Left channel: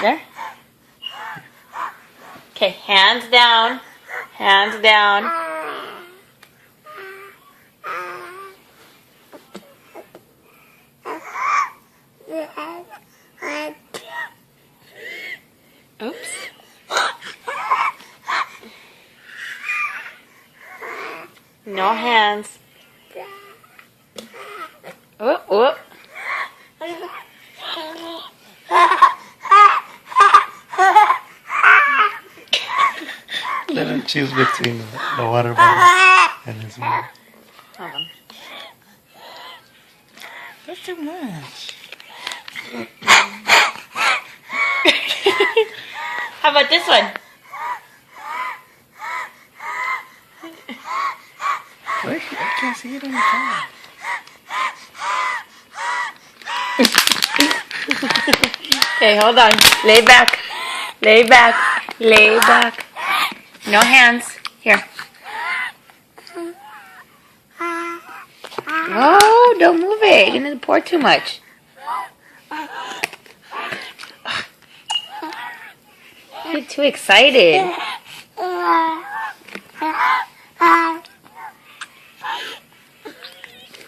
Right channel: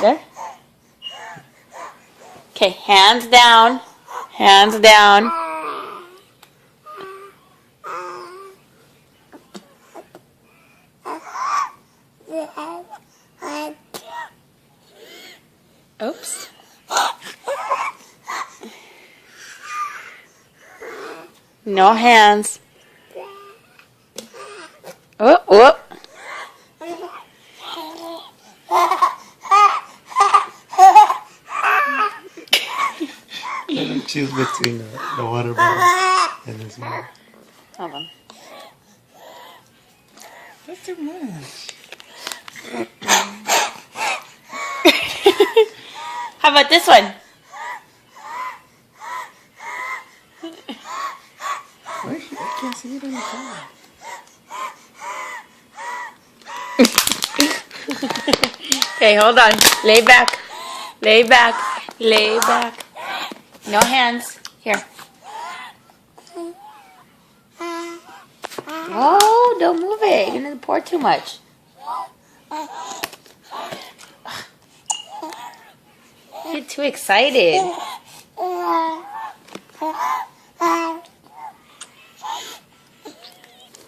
There. Okay, hands down. Hands down. Oops. No hands. Oh, oh. Choose between the water bottle and his mouth. Hold on. That's too much. How about this one? Wait, I can't see it on the camera. Okay, hold on. Lay back. Lay back. Lay back. No hands. Here. Oh, don't move it. You're going to pour too much. You're too excited.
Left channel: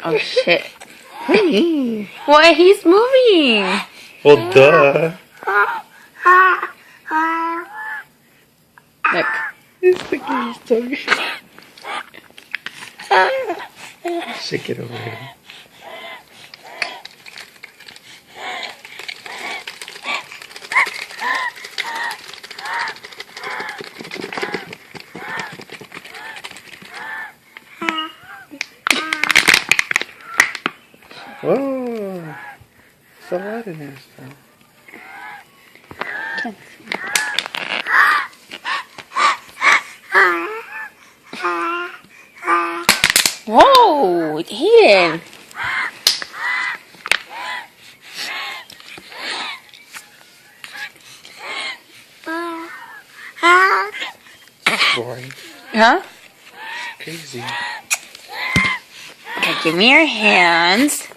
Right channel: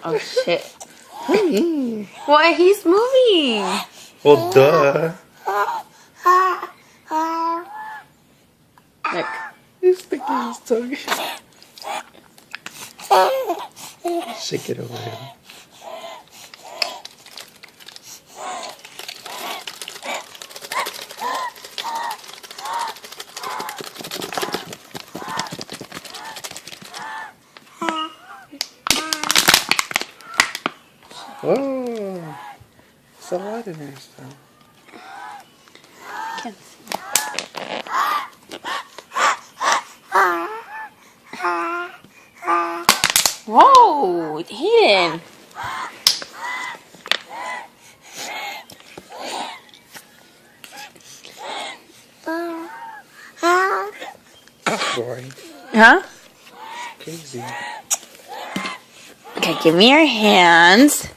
Oh, shit. Why? He's moving. Well, duh. Look. He's sticking his tongue. Shake it over here. Oh, it's a lot in there still. Can't see. Whoa, Hayden. Boring. Huh? Crazy. Okay, give me your hands.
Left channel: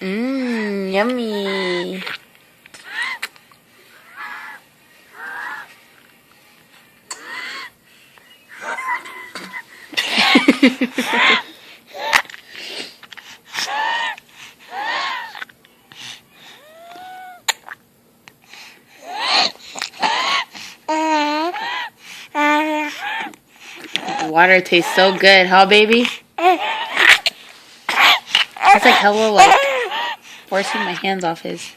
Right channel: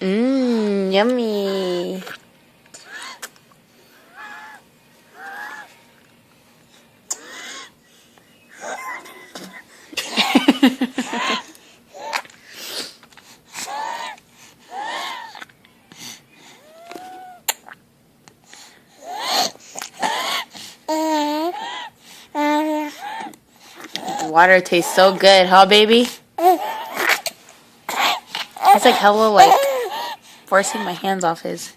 Mmm, yummy. Water tastes so good, huh, baby? It's like hella like forcing my hands off his.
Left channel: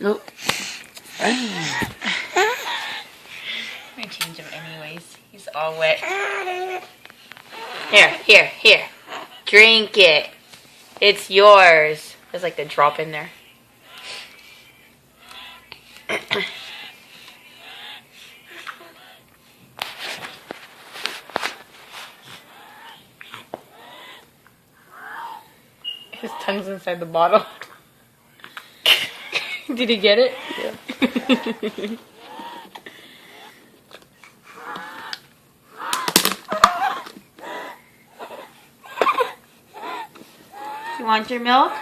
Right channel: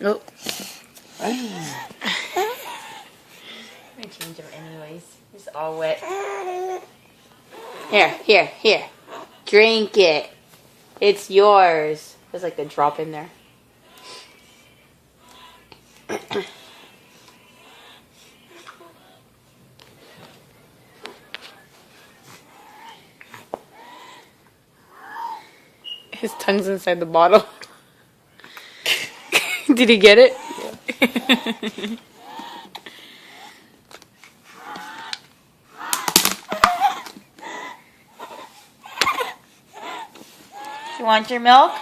Nope. I'm gonna change him anyways. He's all wet. Here. Drink it. It's yours. There's like a drop in there. His tongue's inside the bottle. Did he get it? Yeah. You want your milk?